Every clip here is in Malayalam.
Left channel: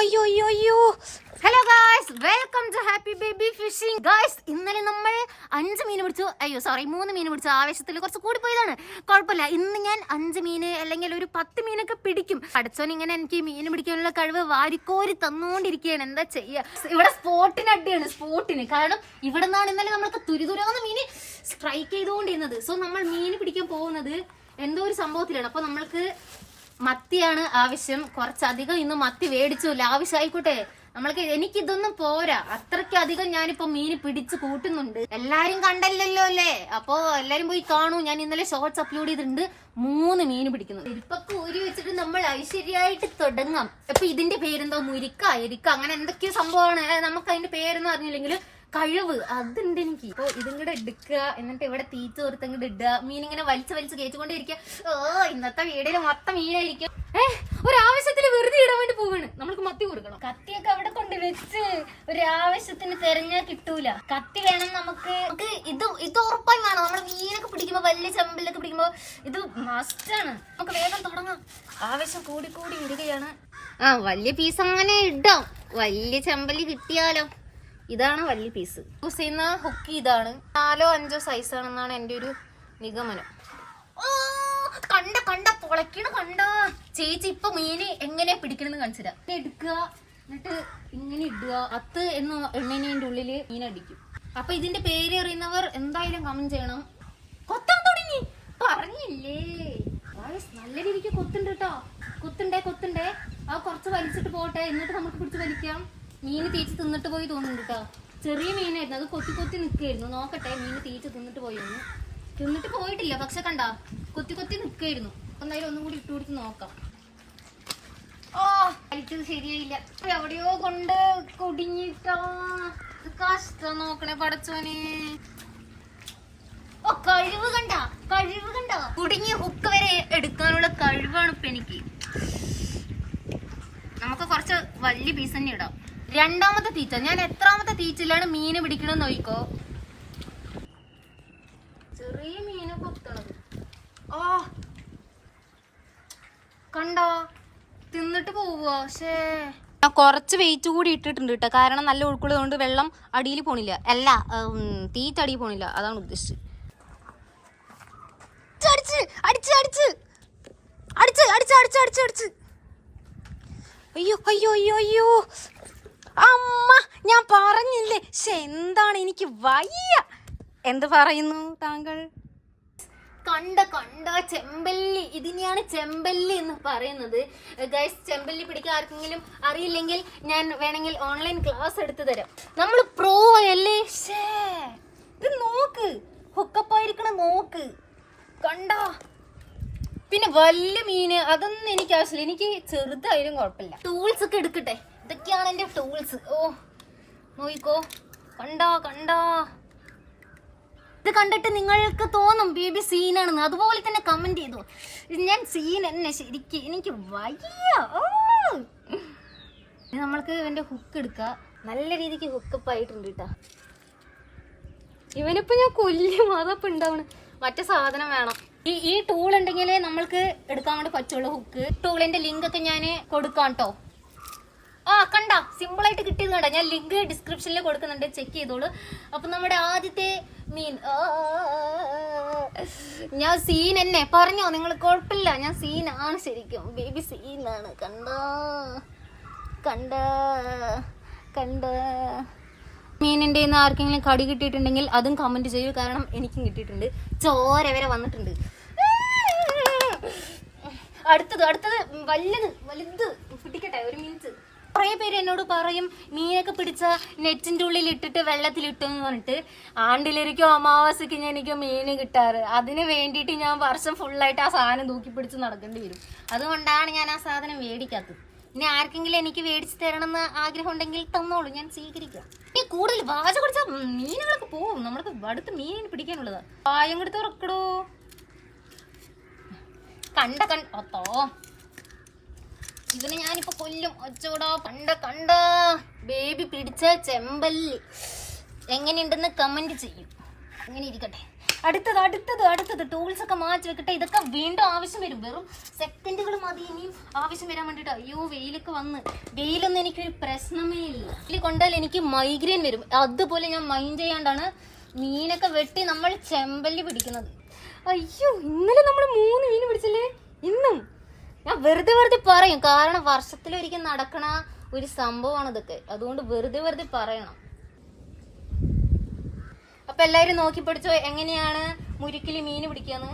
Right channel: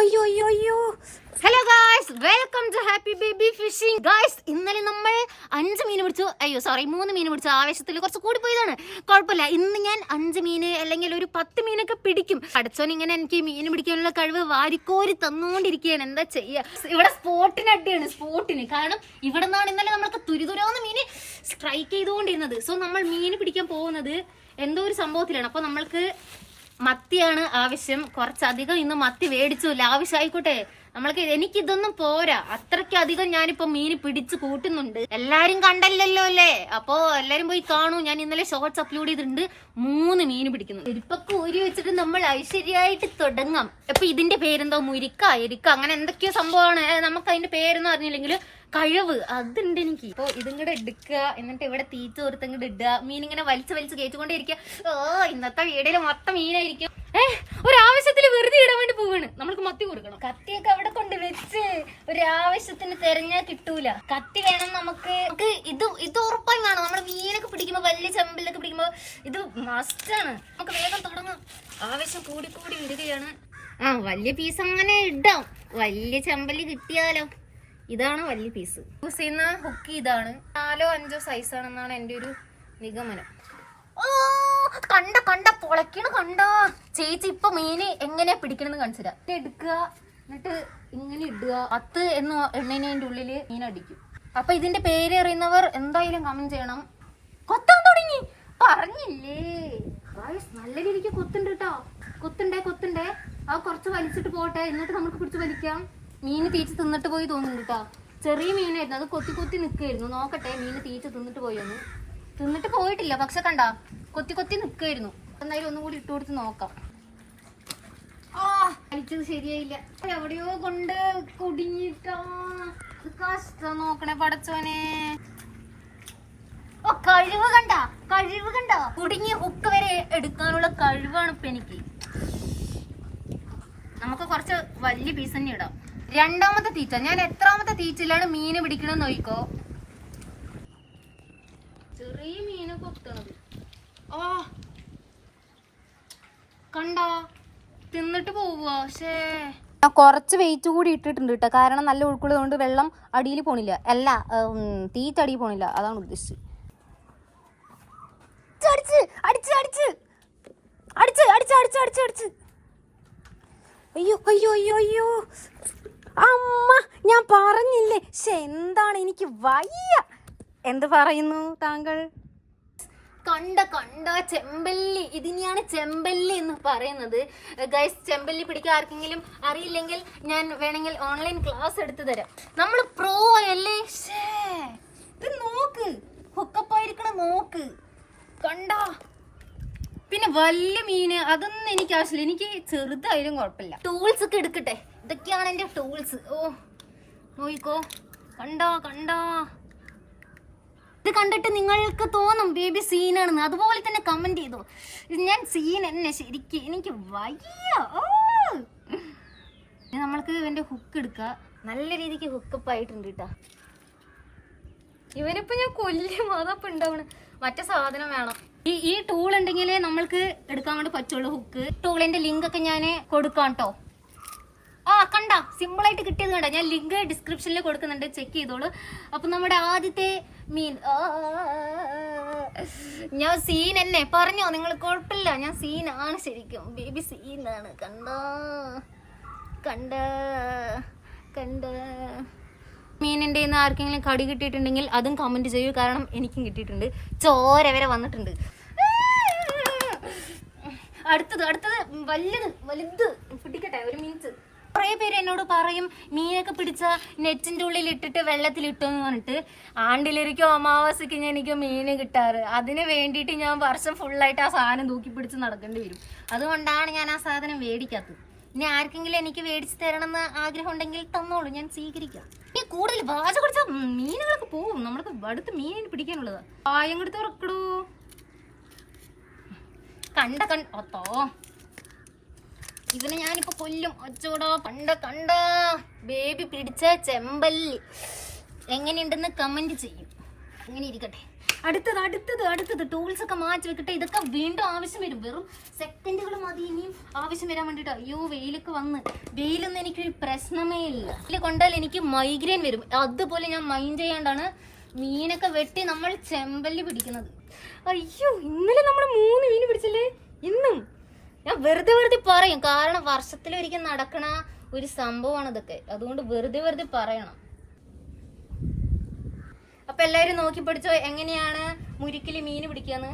അയ്യോ അയ്യോ അയ്യോ. Hello guys, welcome to happy baby fishing. Guys, ഇന്നലെ നമ്മൾ 5 മീൻ പിടിച്ചു. 3 മീൻ പിടിച്ചു. ആവേശത്തിൽ കുറച്ച് കൂടി പോയതാണ്. കുഴപ്പമില്ല. ഇന്ന് ഞാൻ 5 മീന് അല്ലെങ്കിൽ ഒരു 10 മീനൊക്കെ പിടിക്കും. അടച്ചോൻ ഇങ്ങനെ എനിക്ക് മീൻ പിടിക്കാനുള്ള കഴിവ് വാരിക്കോരി തന്നുകൊണ്ടിരിക്കുകയാണ്. എന്താ ചെയ്യാ? ഇവിടെ സ്പോട്ടിന് അടിയാണ്, സ്പോട്ടിന്. കാരണം ഇവിടെ നിന്നാണ് ഇന്നലെ നമ്മൾക്ക് തുരുതുരാന്ന് മീന് സ്ട്രൈക്ക് ചെയ്തുകൊണ്ടിരുന്നത്. സോ നമ്മൾ മീൻ പിടിക്കാൻ പോകുന്നത് എന്തോ ഒരു സംഭവത്തിലാണ്. അപ്പൊ നമ്മൾക്ക് മത്തിയാണ് ആവശ്യം. കുറച്ചധികം ഇന്ന് മത്തി മേടിച്ചു. ആവശ്യമായിക്കോട്ടെ. എനിക്കിതൊന്നും പോരാ. അത്രയ്ക്കധികം ഞാനിപ്പോ മീന് പിടിച്ച് കൂട്ടുന്നുണ്ട്. എല്ലാരും കണ്ടല്ലോ അല്ലേ? അപ്പൊ എല്ലാരും പോയി കാണൂ. ഞാൻ ഇന്നലെ ഷോർട്സ് അപ്ലോഡ് ചെയ്തിട്ടുണ്ട്. 3 മീന് പിടിക്കുന്നു. ഇരിപ്പൊക്കെ ഊരി വെച്ചിട്ട് നമ്മൾ ഐശ്വര്യമായിട്ട് തുടങ്ങാം. അപ്പൊ ഇതിന്റെ പേരെന്തോ എരിക്ക അങ്ങനെ എന്തൊക്കെയോ സംഭവമാണ്. നമുക്ക് അതിന്റെ പേരൊന്നും അറിഞ്ഞില്ലെങ്കിൽ കഴിവ് അതുണ്ട് എനിക്ക്. അപ്പൊ ഇതും കൂടെ എടുക്കുക, എന്നിട്ട് ഇവിടെ തീറ്റ ഓർത്തങ്ങോട്ട് ഇടുക. മീൻ ഇങ്ങനെ വലിച്ച് കയറ്റിക്കൊണ്ടേ ഇരിക്കുക. ഇന്നത്തെ വീടില് മൊത്തം മീനായിരിക്കും. ഒരാവശ്യത്തിൽ വെറുതെ ഇടാൻ വേണ്ടി പോവാണ്. നമ്മൾക്ക് മത്തി കൊടുക്കണം. കത്തിയൊക്കെ അവിടെ കൊണ്ട് വെച്ച് ഒരാവശ്യത്തിന് തെരഞ്ഞാൽ കിട്ടൂല. കത്തി വേണം നമുക്ക്. ഇത് ഉറപ്പായി വേണം. നമ്മൾ മീനൊക്കെ പിടിക്കുമ്പോ, വലിയ ചെമ്പലിലൊക്കെ പിടിക്കുമ്പോ ഇത് മസ്റ്റാണ്. നമുക്ക് വേഗം തുടങ്ങാം. ആവശ്യം കൂടി വരികയാണ്. വലിയ പീസ് അങ്ങനെ ഇടാം. വലിയ ചെമ്പലി കിട്ടിയാലോ. ഇതാണ് വലിയ പീസ്. യൂസ് ചെയ്യുന്ന ഹുക്ക് ഇതാണ്. 4 5 സൈസാണെന്നാണ് എൻ്റെ ഒരു നിഗമനം. കണ്ട പൊളക്കണ കണ്ട. ചേച്ചി ഇപ്പൊ മീന് എങ്ങനെയാ പിടിക്കണെന്ന് കാണിച്ചുതരാം. എടുക്കുക, എന്നിട്ട് ഇങ്ങനെ ഇടുക. അത്ത് എന്ന് എണ്ണേന്റെ ഉള്ളില് മീൻ അടിക്കും. അപ്പൊ ഇതിന്റെ പേര് അറിയുന്നവർ എന്തായാലും കമന്റ് ചെയ്യണം. കൊത്താൻ തുടങ്ങി പറഞ്ഞില്ലേ? നല്ല രീതിക്ക് കൊത്തുണ്ട് കേട്ടോ. കൊത്തുണ്ടേ. ആ കുറച്ച് വലിച്ചിട്ട് പോട്ടെ, എന്നിട്ട് നമുക്ക് പിടിച്ച് വലിക്കാം. മീന് തീച്ച് തിന്നിട്ട് പോയി തോന്നുന്നുണ്ട് കേട്ടോ. ചെറിയ മീനായിരുന്നു, അത് കൊത്തി നിൽക്കായിരുന്നു. നോക്കട്ടെ മീന് തീച്ച് തിന്നിട്ട് പോയൊന്ന്. തിന്നിട്ട് പോയിട്ടില്ല, പക്ഷെ കണ്ട കൊത്തി നിൽക്കായിരുന്നു. എന്തായാലും ഒന്നും കൂടി ഇട്ട് കൊടുത്ത് നോക്കാം. വലിച്ചത് ശരിയായില്ല. എവിടെയോ കൊണ്ട് കുടുങ്ങിട്ടാ. കഷ്ടം നോക്കണേ പടച്ചോനെ. കഴിവ് കണ്ട. കുടുങ്ങിയ ഹുക്ക് വരെ എടുക്കാനുള്ള കഴിവാണ് ഇപ്പൊ എനിക്ക്. നമുക്ക് കുറച്ച് വലിയ പീസ് തന്നെ ഇടാം. 2ാമത്തെ തീറ്റ. ഞാൻ എത്രാമത്തെ തീറ്റയിലാണ് മീന് പിടിക്കണമെന്ന് നോക്കിക്കോ. ചെറിയ മീന് കൊത്തണത്. കണ്ടോ? തിന്നിട്ട് പോവുക. കുറച്ച് വെയിറ്റ് കൂടി ഇട്ടിട്ടുണ്ട് കേട്ടോ. കാരണം നല്ല ഒഴുക്കുള്ളത് കൊണ്ട് വെള്ളം അടിയിൽ പോണില്ല. അല്ല, തീറ്റ അടിയിൽ പോണില്ല. അതാണ് ഉദ്ദേശിച്ചത്. അടിച്ച് അയ്യോ അമ്മ, ഞാൻ പറഞ്ഞില്ലേ. എന്താണ് എനിക്ക് വയ്യ. എന്ത് പറയുന്നു താങ്കൾ? കണ്ട ചെമ്പല്ലി. ഇതിനെയാണ് ചെമ്പല്ലി എന്ന് പറയുന്നത്. ഗൈസ്, ചെമ്പല്ലി പിടിക്കാൻ ആർക്കെങ്കിലും അറിയില്ലെങ്കിൽ ഞാൻ വേണമെങ്കിൽ ഓൺലൈൻ ക്ലാസ് എടുത്തു തരാം. നമ്മൾ പ്രോ അല്ലേ. ഇത് നോക്ക്, ഹുക്കപ്പായിരിക്കണ നോക്ക്. കണ്ടോ? പിന്നെ വലിയ മീന് അതൊന്നും എനിക്ക് ആവശ്യമില്ല. എനിക്ക് ചെറുതായാലും കുഴപ്പമില്ല. ടൂൾസ് ഒക്കെ എടുക്കട്ടെ. ഇതൊക്കെയാണ് എൻ്റെ ടൂൾസ്. നോയിക്കോ. കണ്ടോ? ഇത് കണ്ടിട്ട് നിങ്ങൾക്ക് തോന്നും ബേബി സീനാണെന്ന്. അതുപോലെ തന്നെ കമന്റ് ചെയ്തു. ഞാൻ സീൻ തന്നെ ശരിക്കും. എനിക്ക് വയ്യ. നമ്മൾക്ക് ഇവന്റെ ഹുക്ക് എടുക്കുക. നല്ല രീതിക്ക് ഹുക്കപ്പ് ആയിട്ടുണ്ട് കേട്ടാ. ഇവനിപ്പോ ഞാൻ കൊല്ലും. അതപ്പോ ഉണ്ടാവണ്. മറ്റേ സാധനം വേണം. ഈ ടൂൾ ഉണ്ടെങ്കിലേ നമ്മൾക്ക് എടുക്കാൻ വേണ്ടി പറ്റുള്ളൂ ഹുക്ക്. ടൂളിന്റെ ലിങ്ക് ഒക്കെ ഞാൻ കൊടുക്കാം കേട്ടോ. കണ്ട സിമ്പിൾ ആയിട്ട് കിട്ടിയത് കണ്ട. ഞാൻ ലിങ്ക് ഡിസ്ക്രിപ്ഷനിൽ കൊടുക്കുന്നുണ്ട്, ചെക്ക് ചെയ്തോളൂ. അപ്പൊ നമ്മുടെ ആദ്യത്തെ മീൻ. ഞാൻ സീൻ എന്നെ പറഞ്ഞോ നിങ്ങൾ? കുഴപ്പമില്ല, ഞാൻ സീനാണ് ശരിക്കും. ബേബി സീനാണ്. കണ്ട മീനിന്റെ ആർക്കെങ്കിലും കടി കിട്ടിയിട്ടുണ്ടെങ്കിൽ അതും കമന്റ് ചെയ്യൂ. കാരണം എനിക്കും കിട്ടിയിട്ടുണ്ട്. ചോര വരെ വന്നിട്ടുണ്ട്. അടുത്തത് വലുത് പിടിക്കട്ടെ. 1 മിനിറ്റ്. കുറേ പേര് എന്നോട് പറയും മീനൊക്കെ പിടിച്ച നെറ്റിന്റെ ഉള്ളിൽ ഇട്ടിട്ട് വെള്ളത്തിലിട്ടു എന്ന് പറഞ്ഞിട്ട്. ആണ്ടിലിരിക്കും അമാവാസിക്ക് എനിക്ക് മീന് കിട്ടാറ്. അതിന് വേണ്ടിയിട്ട് ഞാൻ വർഷം ഫുള്ളായിട്ട് ആ സാധനം തൂക്കി പിടിച്ച് നടക്കേണ്ടി വരും. അതുകൊണ്ടാണ് ഞാൻ ആ സാധനം മേടിക്കാത്തത്. ഇനി ആർക്കെങ്കിലും എനിക്ക് മേടിച്ച് തരണമെന്ന് ആഗ്രഹം ഉണ്ടെങ്കിൽ തന്നോളൂ, ഞാൻ സ്വീകരിക്കാം. ഈ കൂടുതൽ വാച കുടിച്ച മീനുകളൊക്കെ പോവും. നമ്മൾക്ക് അടുത്ത് മീനിന് പിടിക്കാനുള്ളതാ. പായം കൊടുത്ത് ഉറക്കടോ. ഒത്തോ ഇവനെ ഞാനിപ്പോ കൊല്ലും. ഒച്ചോടോ. കണ്ട ബേബി പിടിച്ച ചെമ്പല്ലി എങ്ങനെയുണ്ടെന്ന് കമന്റ് ചെയ്യും. അങ്ങനെ ഇരിക്കട്ടെ. അടുത്തത് ടൂൾസ് ഒക്കെ മാറ്റി വെക്കട്ടെ. ഇതൊക്കെ വീണ്ടും ആവശ്യം വരും. വെറും സെക്കൻഡുകൾ മതി ഇനിയും ആവശ്യം വരാൻ വേണ്ടിട്ട്. അയ്യോ വെയിലൊക്കെ വന്ന്. വെയിലൊന്നും എനിക്കൊരു പ്രശ്നമേ ഇല്ല. വെയിൽ കൊണ്ടാൽ എനിക്ക് മൈഗ്രെയിൻ വരും. അതുപോലെ ഞാൻ മൈൻഡ് ചെയ്യാണ്ടാണ് മീനൊക്കെ വെട്ടി നമ്മൾ ചെമ്പല്ലി പിടിക്കുന്നത്. അയ്യോ ഇന്നലെ നമ്മൾ 3 മീൻ പിടിച്ചല്ലേ. ഇന്നും ഞാൻ വെറുതെ പറയും, കാരണം വർഷത്തിലൊരിക്കൽ നടക്കണ ഒരു സംഭവമാണ് ഇതൊക്കെ. അതുകൊണ്ട് വെറുതെ പറയണം. അപ്പൊ എല്ലാവരും നോക്കി പഠിച്ചോ എങ്ങനെയാണ് മുരിക്കില് മീൻ പിടിക്കാന്ന്.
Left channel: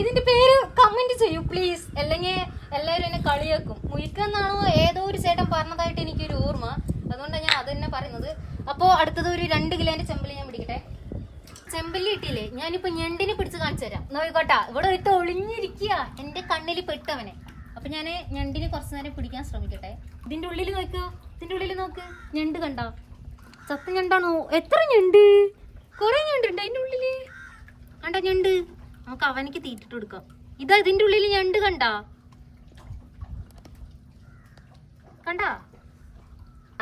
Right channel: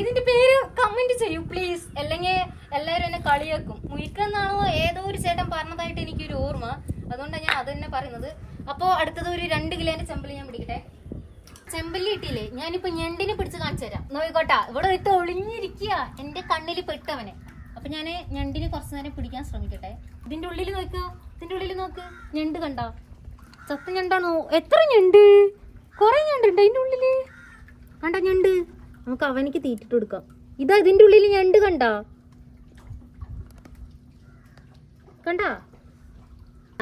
ഇതിന്റെ പേര് കമന്റ് ചെയ്യൂ പ്ലീസ്, അല്ലെങ്കിൽ എല്ലാവരും എന്നെ കളിയാക്കും. മുരിക്കെന്നാണോ ഏതോ ഒരു ചേട്ടൻ പറഞ്ഞതായിട്ട് എനിക്കൊരു ഓർമ്മ, അതുകൊണ്ടാണ് ഞാൻ അത് തന്നെ പറയുന്നത്. അപ്പോൾ അടുത്തത് ഒരു 2 കിലോന്റെ ചെമ്പല്ലി ഞാൻ പിടിക്കട്ടെ. ചെമ്പല്ലി ഇട്ടില്ലേ, ഞാനിപ്പോ ഞണ്ടിനെ പിടിച്ച് കാണിച്ചു തരാം. നോക്കോട്ടാ, ഇവിടെ ഒരുത്ത ഒളിഞ്ഞിരിക്കുക എന്റെ കണ്ണിൽ പെട്ടവനെ. അപ്പൊ ഞാൻ ഞണ്ടിനെ കുറച്ചു നേരം പിടിക്കാൻ ശ്രമിക്കട്ടെ. ഇതിന്റെ ഉള്ളിൽ നോക്കുക, ഇതിന്റെ ഉള്ളിൽ നോക്ക്. ഞണ്ട് കണ്ടോ? ചത്ത ഞണ്ടാണോ? എത്ര ഞണ്ട്? കുറെ ഞണ്ടുണ്ട് അതിന്റെ ഉള്ളില്. കണ്ട ഞണ്ട്, നമുക്ക് അവനിക്ക് തീറ്റിട്ട് കൊടുക്കാം. ഇതാ ഇതിന്റെ ഉള്ളിൽ ഞണ്ട് കണ്ടാ? കണ്ടാ?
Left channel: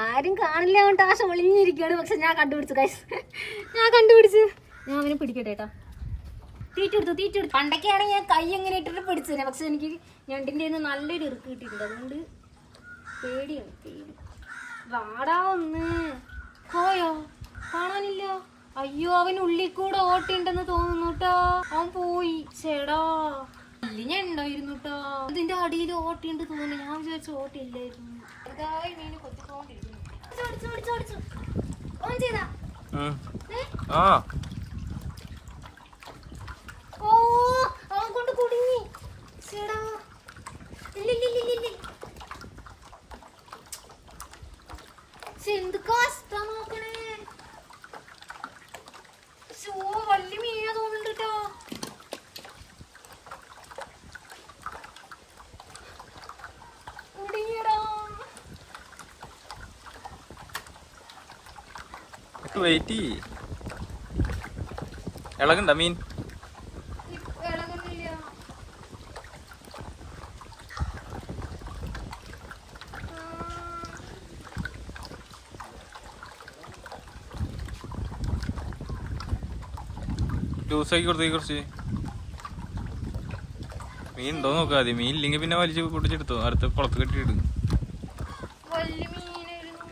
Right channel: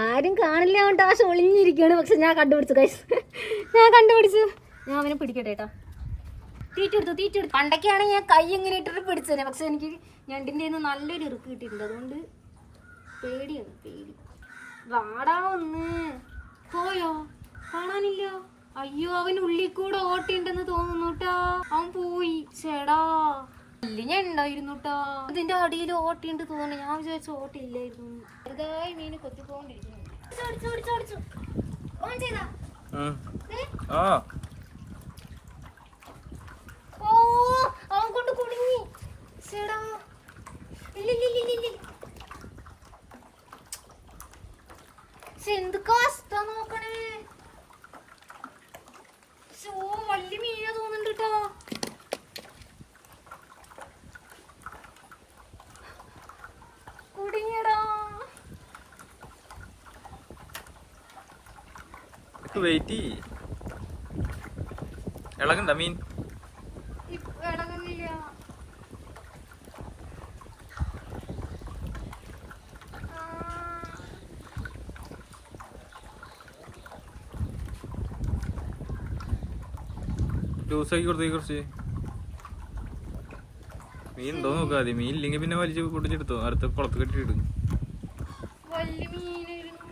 ആരും കാണില്ല കൊണ്ട് ആശ ഒളിഞ്ഞിരിക്കുകയാണ്. പക്ഷെ ഞാൻ കണ്ടുപിടിച്ചു ഗൈസ്, ഞാൻ കണ്ടുപിടിച്ചു. ഞാൻ അവനെ പിടിക്കട്ടെ കേട്ടാ. തീറ്റെടുത്തു. പണ്ടൊക്കെയാണ് ഞാൻ കൈ എങ്ങനെ ഇട്ടിട്ട് പിടിച്ചത്. പക്ഷെ എനിക്ക് ഞണ്ടിന്റെ നല്ലൊരു ഇറുക്ക് കിട്ടിയിട്ടുണ്ട്. അതുകൊണ്ട് പേടിയാണ്. വാടാ ഒന്ന്. പോയോ? കാണാനില്ല. അയ്യോ അവൻ ഉള്ളിൽ കൂടെ ഓട്ടിണ്ടെന്ന് തോന്നുന്നു കേട്ടാ. അവൻ പോയി. ചേടാ ഞാൻ ഉണ്ടായിരുന്നു കേട്ടോ. ഇതിന്റെ അടിയിൽ ഓട്ടിണ്ട് തോന്നുന്നു. ഞാൻ വിചാരിച്ചു ഓട്ടില്ലായിരുന്നു. ചെറുതായി മീന് കൊത്തിക്കൊണ്ടിരിക്കുന്നു. ഓ അവൻ കൊണ്ട് കുടുങ്ങി. ചേടാ എന്ത് കഷ്ട നോക്കണേ. വലിയ മീനാ തോന്നുന്നുണ്ട് കേട്ടോ. കുടുങ്ങിയടാ. വെയിറ്റ് ഇളകണ്ട മീൻ. ഇളകുന്നില്ല. ജ്യൂസാക്കി കൊടുത്തേക്ക് കുറച്ച്. മീൻ ഉണ്ടോ നോക്കാതെ. മീൻ ഇല്ലെങ്കിൽ പിന്നെ വലിച്ച് പൊട്ടിച്ചെടുത്തോ. അടുത്ത കുളത്ത് കെട്ടിയിട്. വലിയ മീനായിരുന്നു.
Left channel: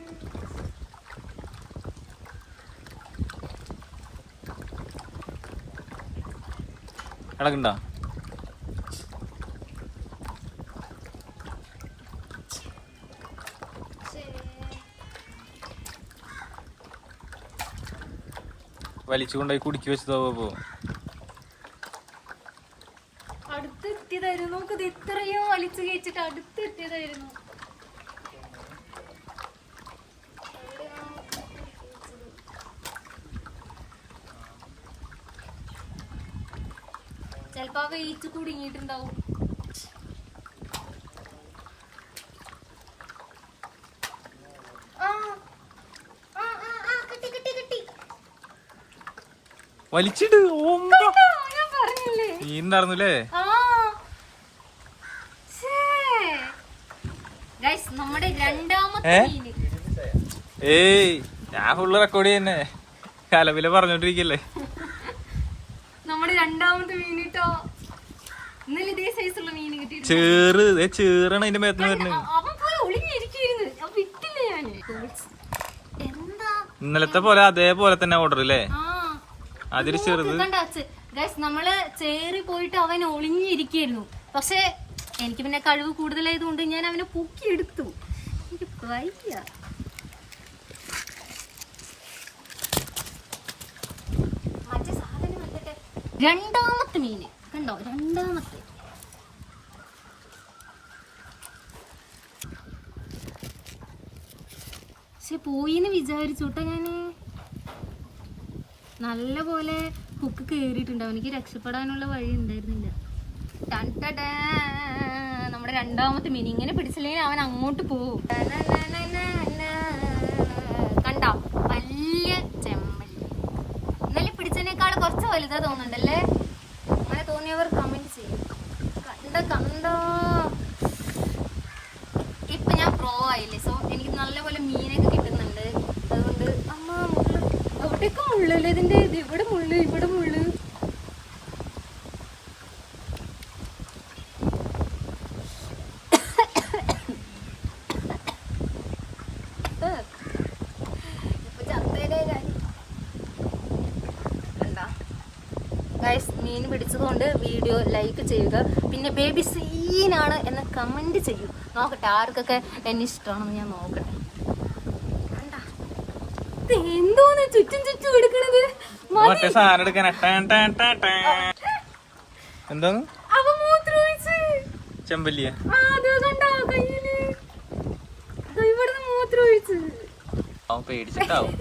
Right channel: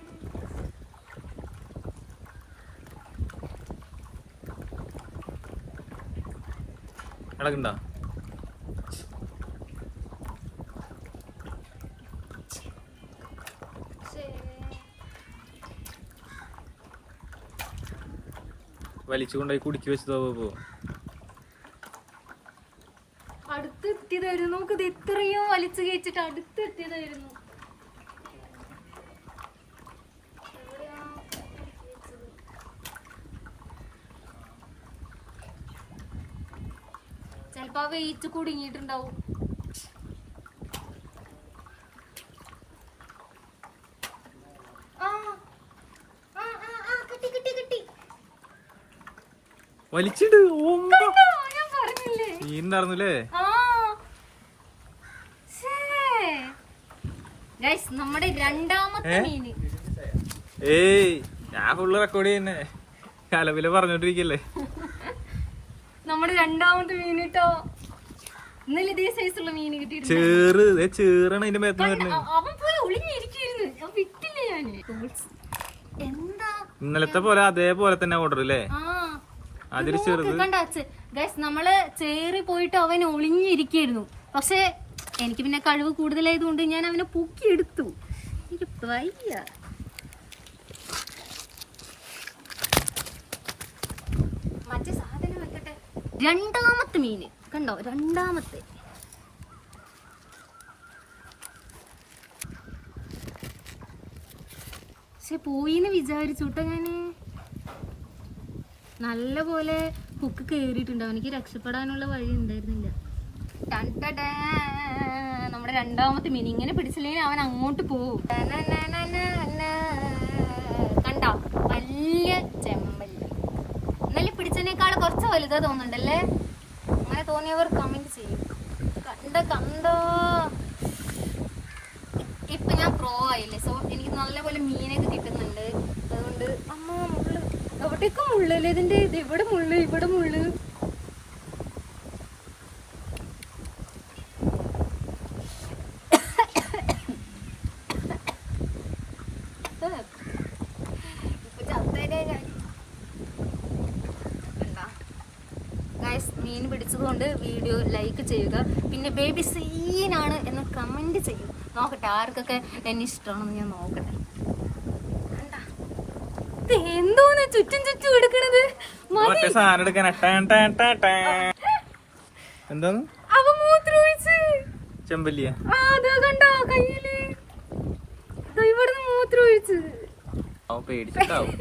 ഇളകണ്ട. വലിച്ചുകൊണ്ടായി കുടിക്കി വെച്ചതോ. അടുത്തെത്തിയതായിരുന്നു. നമുക്കിത് ഇത്രയും വലിച്ചു കയറ്റിട്ട് അടുത്തെത്തിയതായിരുന്നു. ചെലപ്പോ ആ വെയിറ്റ് കുടുങ്ങിയിട്ടുണ്ടാവും. വലിച്ചിട്. ഞാൻ പറഞ്ഞില്ലേ മീൻ ഉണ്ടായിരുന്നില്ലേ? നമ്മുടെ രണ്ടാമത്തെ മീന്. ഏയ് ഞാൻ ഫുള്ള് റെക്കോർഡ് ചെയ്യുന്നേ. കലവില പറഞ്ഞോണ്ടിരിക്കല്ലേ. നമ്മുടെ രണ്ടാമത്തെ മീൻ കേട്ടോ. ഇന്നലെ ഇതേ സൈസുള്ള മീൻ കിട്ടിയിട്ടുണ്ട്. ചേറാണ് അതിന്റെ മേത്തിന് വരുന്നത്. അവൻ പോയി ഒളിഞ്ഞിരിക്കുന്നു. ഞാൻ വിട്ടില്ല. ഞാൻ എന്താ ഇന്നലത്തെ പോലെ അതേപോലെ തന്നെ ഓർഡർ അല്ലേ? അതിൽ ചെറുത് നമ്മള് ചേറി പോയിട്ട് അവൻ ഒളിഞ്ഞിരിക്കായിരുന്നു. പക്ഷെ എനിക്ക് പിന്നെ കഴിവ് കൂടുതലായതുകൊണ്ട് ഞാൻ അവനെ പൊക്കിയെടുത്തു. എനിക്ക് വയ്യ. മറ്റേ സാധനം വെക്കട്ടെ. രണ്ടാമത്തെ മീന് കണ്ടോ? രണ്ടാമത്തെ. പക്ഷെ പോയിന്ന് വിചാരിച്ചോട്ടോ ഞാന്. നല്ല പോലെ ഹുക്ക് കേറിയിട്ടുണ്ട്. അവനിക്ക് രക്ഷപ്പെടാനുള്ള വഴി ഉണ്ടായിരുന്നില്ല. നമ്മുടെ രണ്ടാമത്തെ മീൻ. ഇങ്ങനെ പിടിച്ചില്ലെങ്കിൽ അവൻ അങ്ങോട്ട് പോവും. കണ്ടോ? വലിയ ചെമ്പല്ലി. ഇന്നലെ പിടിച്ചതിനേക്കാൾ കുറച്ച് വലുതാ തോന്നുന്നുണ്ടല്ലേ? അങ്ങനെ തോന്നിയവർ കമന്റ് ചെയ്യും. കണ്ടോ? ഇപ്പൊ ഞാൻ പ്രോ ആയില്ലേ. സോ എനിക്ക് നല്ലപോലെ മീനൊക്കെ കിട്ടുന്നുണ്ട്. അതുകൊണ്ട് അമ്മ മുള്ളു എവിടേക്ക് മുള്ളല്ലേ ഇതിന്റെ. ഇത് ഇവിടെ മുള്ളു, ഇവിടെ മുള്ളു. മീൻ പിടിച്ചതുകൊണ്ട് വീഡിയോ ലൈക്ക് ചെയ്യുക, പിന്നെ ബേബി സീനാണ് എന്ന് കമന്റ് ചെയ്യും. നോക്കട്ടെ ആർക്കൊക്കെ എന്നെ ഇഷ്ടമാണെന്ന് ഞാൻ നോക്കട്ടെ. കണ്ടാ എന്തോന്ന് ചുറ്റും ചുറ്റും എടുക്കണത്? മറ്റേ സാധനം എടുക്കാൻ എന്താന്ന് അവ മൂത്രമൊഴിച്ച് ചെമ്പല്ലിയ അത് കണ്ടാ കയ്യില് ഇവിടുന്ന് മൂത്രമൊഴിച്ച്. അവൻ പേടിച്ചിട്ടാവും.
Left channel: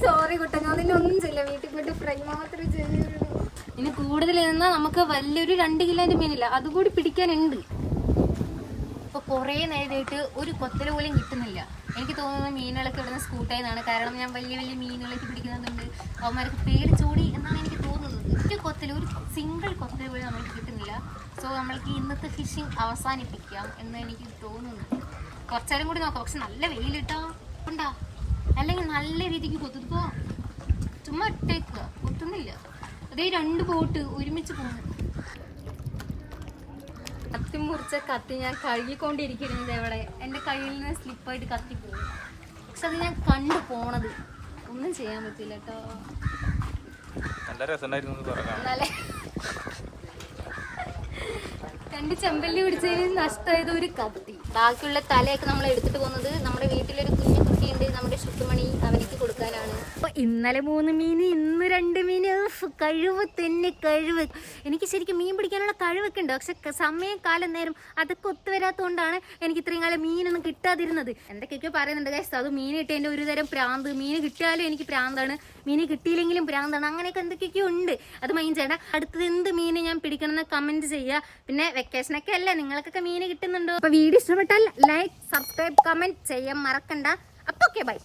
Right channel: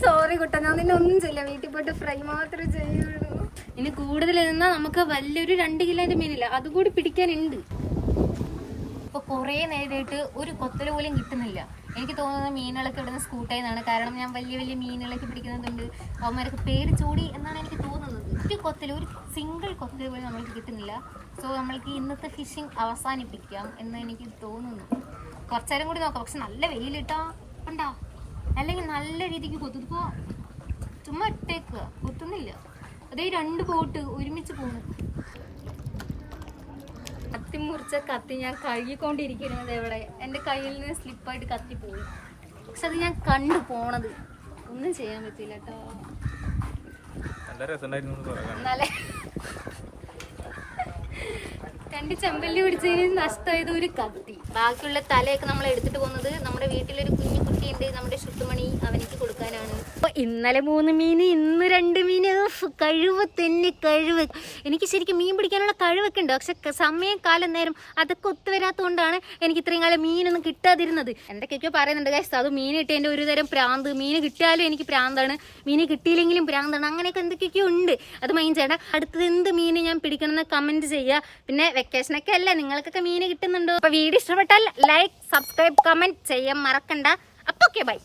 സോറി കുട്ടാ, ഞാൻ നിന്നെ ഒന്നും ചെയ്യില്ല. വീട്ടിൽ പോയിട്ട് ഫ്രൈ മാത്രമേ ചെയ്യുള്ളൂ. ഇനി കൂടുതൽ നിന്നാ നമുക്ക് വലിയൊരു 2 കിലോന്റെ മീനില്ല, അതുകൂടി പിടിക്കാനുണ്ട്. ഇപ്പൊ കൊറേ നേരമായിട്ട് ഒരു കൊത്തല് പോലും കിട്ടുന്നില്ല. എനിക്ക് തോന്നുന്നത് മീനുകളൊക്കെ ഇവിടുന്ന് സ്കൂട്ടായെന്നാണ്. കാരണം ഞാൻ വലിയ വലിയ മീനുകളൊക്കെ പിടിക്കുന്നുണ്ട്, അവന്മാരൊക്കെ പേടിച്ചോടി എന്നാണ് എനിക്ക് തോന്നുന്നത്. ഒരു കൊത്തല്, ഒരു സിംഗിൾ കൊത്തല് പോലും നമ്മൾക്ക് കിട്ടുന്നില്ല. സോ നമ്മൾക്ക് ഇന്നത്തെ ഫിഷിംഗ് അവസാനിപ്പിക്കാം എന്ന് എനിക്ക് തോന്നുന്നു. കുറച്ചേരം കൂടി നോക്കാം. പക്ഷെ നല്ല വെയിലിട്ടോ ഉണ്ടാ, അല്ലെങ്കിൽ നല്ല രീതിക്ക് കൊത്തുപ്പോ ചുമ്മാ ഇട്ടേക്കുക, കൊത്തുന്നില്ല. അതേ 2 ബോട്ട് ഒരുമിച്ച് പോകുന്നു. കത്തി മുറിച്ച കത്തി ഞാൻ കഴുകിക്കൊണ്ടിരിക്കുന്നത് എവിടെ എൻ്റെ കയ്യിൽ നിന്ന് സ്ലിപ്പായിട്ട് കത്തി പോകും. പക്ഷെ അത് ഞാൻ കണ്ടു പോണത് ഒന്നും ചെയ്യാൻ പറ്റില്ല കേട്ടോ. നല്ല രസമുണ്ടായിരുന്നു. നല്ല 2 ചെമ്പല്ലി പിടിച്ചതിന് നഷ്ടമായത് ഒരു കത്തി. ബാക്കിയുള്ള തലയൊക്കെ നമ്മൾ എടുത്തിട്ട് പോകുന്നത് നമ്മുടെ വീട്ടിലൊരു കുഞ്ഞു കുട്ടിയുണ്ട്, നമ്മുടെ ചുട്ടുമണി, അവനിക്ക് കൊടുക്കാനാണ്. അപ്പോൾ ഇന്നലെ 3 മീൻ, ഇന്ന് 2 മീൻ. കഴിവ് തന്നെ കഴിവ്. എനിക്ക് ശരിക്കും മീൻ പിടിക്കാനുള്ള കഴിവൊക്കെ ഉണ്ട്, പക്ഷെ സമയം കാലം നേരം അതൊക്കെ ഒത്തുവരാത്തതുകൊണ്ടാണ് എനിക്ക് ഇത്രയും കാലം മീനൊന്നും കിട്ടാതിരുന്നത്. എന്തൊക്കെയൊക്കെയോ പറയുന്നുണ്ട് ഗൈസ്, അത് മീൻ കിട്ടിയതിൻ്റെ ഒരു തരം പ്രാന്ത്. മീൻ കിട്ടിയാലും എനിക്ക് പ്രാന്താണ്, മീൻ കിട്ടിയില്ലെങ്കിലും പ്രാന്താണ്, അങ്ങനെയൊക്കെ എന്തൊക്കെയൊക്കെയോ ഉണ്ട്. അത് മൈൻഡ് ചെയ്യണം. അടുത്തത് എന്ത് മീൻ ഞാൻ പിടിക്കണമെന്ന് കമൻറ്റ് ചെയ്യുക. പിന്നെ വെക്കേഷനൊക്കെ അല്ല, നിങ്ങൾക്കൊക്കെ മീൻ കിട്ടുന്നുണ്ടോ? അപ്പോൾ വീഡിയോ ഇഷ്ടപ്പെട്ടാൽ ലൈക്ക്, സബ്സ്ക്രൈബ്, കമൻറ്റ് ചെയ്യാൻ മറക്കണ്ട. അപ്പോൾ ഓക്കെ, ബൈ.